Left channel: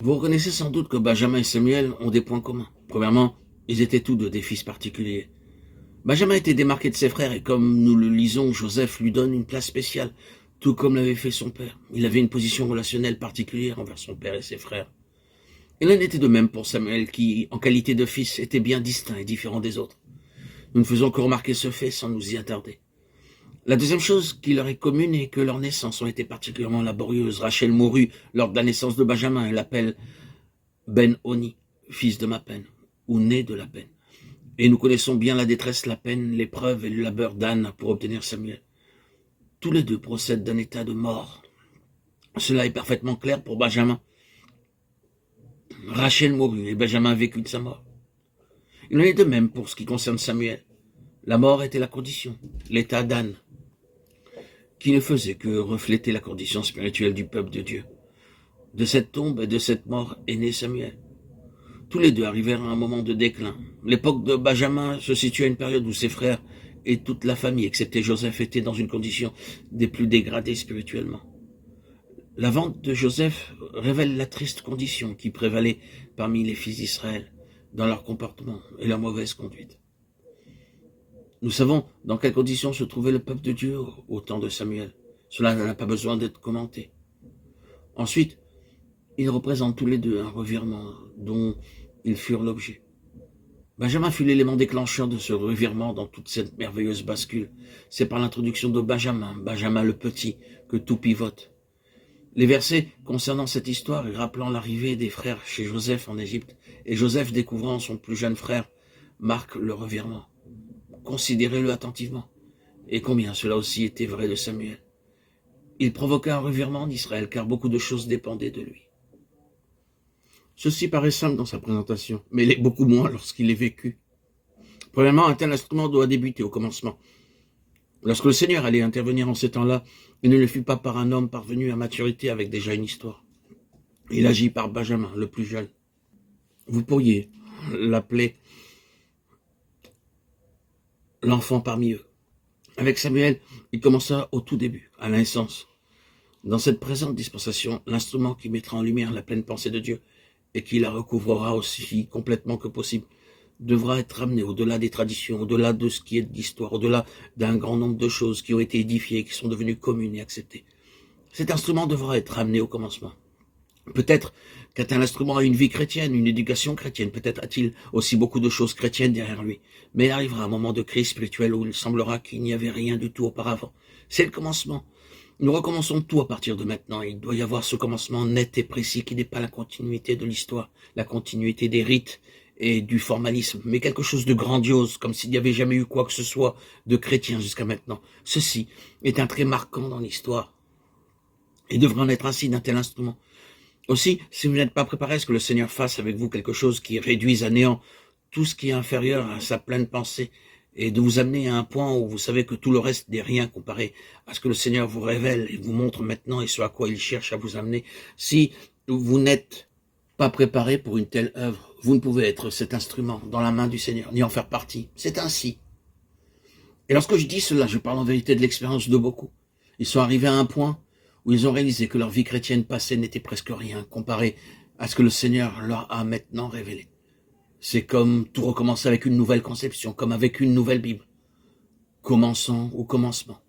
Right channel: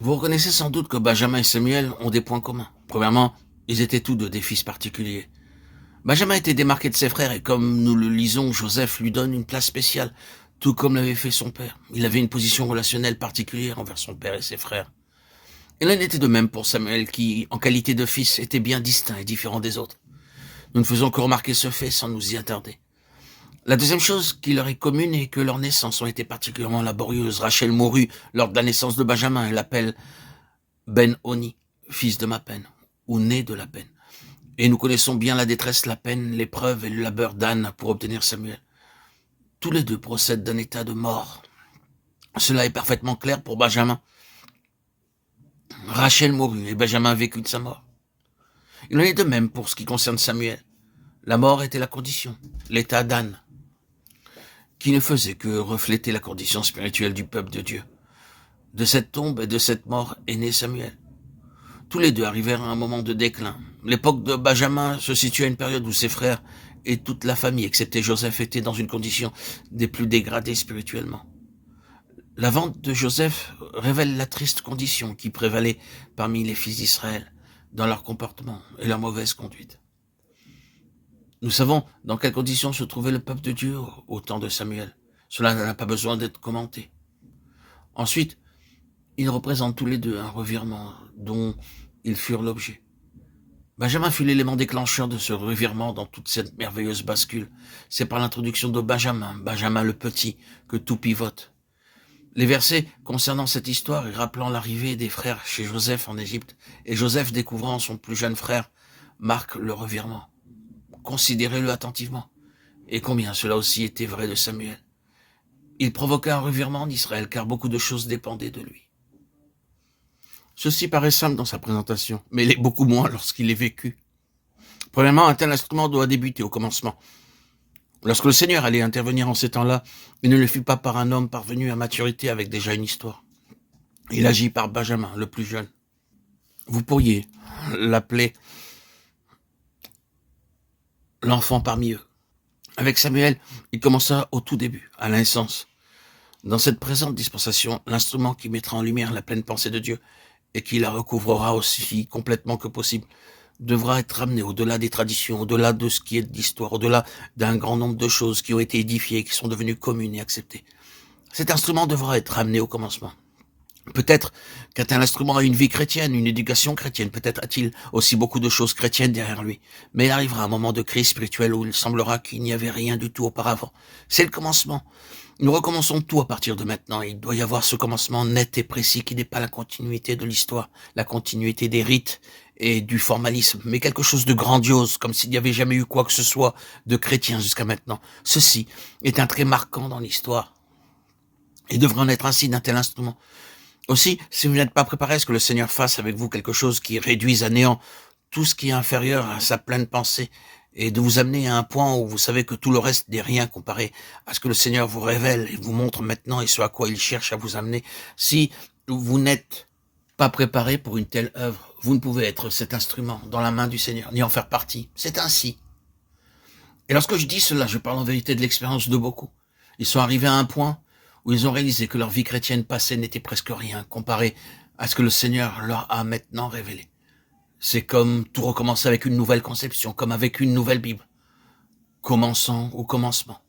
Vous reconnaissez sans doute que Benjamin et Samuel ont des points communs. Premièrement, ils étaient tous deux des fils particuliers. Benjamin était démarqué de ses frères et comme nous le lisons, Joseph lui donne une place spéciale, tout comme l'avait fait son père. Il avait une position relationnelle particulière envers son père et ses frères. Il en était de même pour Samuel qui, en qualité de fils, était bien distinct et différent des autres. Nous ne faisons que remarquer ce fait sans nous y attarder. La deuxième chose qui leur est commune est que leurs naissances ont été particulièrement laborieuses. Rachel mourut lors de la naissance de Benjamin. Elle l'appelle Ben-Oni, fils de ma peine, ou né de la peine. Et nous connaissons bien la détresse, la peine, l'épreuve et le labeur d'Anne pour obtenir Samuel. Tous les deux procèdent d'un état de mort. Cela est parfaitement clair pour Benjamin. Rachel mourut et Benjamin vécut de sa mort. Il en est de même pour ce qui concerne Samuel. La mort était la condition, l'état d'Anne, qui ne faisait que refléter la condition spirituelle du peuple de Dieu. De cette tombe et de cette mort est né Samuel. Tous les deux arrivèrent à un moment de déclin. L'époque de Benjamin se situe à une période où ses frères et toute la famille, excepté Joseph, étaient dans une condition des plus dégradées spirituellement. La vente de Joseph révèle la triste condition qui prévalait parmi les fils d'Israël dans leur comportement et leur mauvaise conduite. Nous savons dans quelles conditions se trouvait le peuple de Dieu au temps de Samuel. Cela n'a pas besoin d'être commenté. Ensuite, ils représentent tous les deux un revirement dont ils furent l'objet. Benjamin fut l'élément déclencheur de ce revirement dans toute cette merveilleuse bascule. C'est par l'introduction de Benjamin, Benjamin le petit, que tout pivote. Les versets concernant cette histoire et rappelant l'arrivée des frères chez Joseph en Égypte et Joseph découvrant son plus jeune frère marquent le revirement. Considérez-le attentivement. Et combien cela aussi était vrai de Samuel. Il provoqua un revirement en Israël car beaucoup de choses dépendaient de lui. Ceci paraît simple dans sa présentation, mais il est beaucoup moins lorsqu'il est vécu. Premièrement, un tel instrument doit débuter au commencement. Lorsque le Seigneur allait intervenir en ces temps-là, il ne le fit pas par un homme parvenu à maturité avec déjà une histoire. Il agit par Benjamin, le plus jeune. Vous pourriez l'appeler l'enfant parmi eux. Avec Samuel, il commença au tout début, à la naissance. Dans cette présente dispensation, l'instrument qui mettra en lumière la pleine pensée de Dieu et qui la recouvrera aussi complètement que possible, devra être ramené au-delà des traditions, au-delà de ce qui est de l'histoire, au-delà d'un grand nombre de choses qui ont été édifiées, qui sont devenues communes et acceptées. Cet instrument devra être ramené au commencement. Peut-être qu'un tel instrument a une vie chrétienne, une éducation chrétienne, peut-être a-t-il aussi beaucoup de choses chrétiennes derrière lui. Mais il arrivera un moment de crise spirituelle où il semblera qu'il n'y avait rien du tout auparavant. C'est le commencement. Nous recommençons tout à partir de maintenant. Il doit y avoir ce commencement net et précis qui n'est pas la continuité de l'histoire, la continuité des rites et du formalisme, mais quelque chose de grandiose, comme s'il n'y avait jamais eu quoi que ce soit de chrétien jusqu'à maintenant. Ceci est un trait marquant dans l'histoire et devrait en être ainsi d'un tel instrument. Aussi, si vous n'êtes pas préparé à ce que le Seigneur fasse avec vous quelque chose qui réduise à néant tout ce qui est inférieur à sa pleine pensée et de vous amener à un point où vous savez que tout le reste n'est rien comparé à ce que le Seigneur vous révèle et vous montre maintenant et ce à quoi il cherche à vous amener. Si vous n'êtes pas préparé pour une telle œuvre, vous ne pouvez être cet instrument dans la main du Seigneur, ni en faire partie. C'est ainsi. Et lorsque je dis cela, je parle en vérité de l'expérience de beaucoup. Ils sont arrivés à un point où ils ont réalisé que leur vie chrétienne passée n'était presque rien comparé à ce que le Seigneur leur a maintenant révélé. C'est comme tout recommencer avec une nouvelle conception, comme avec une nouvelle Bible. Commençons au commencement.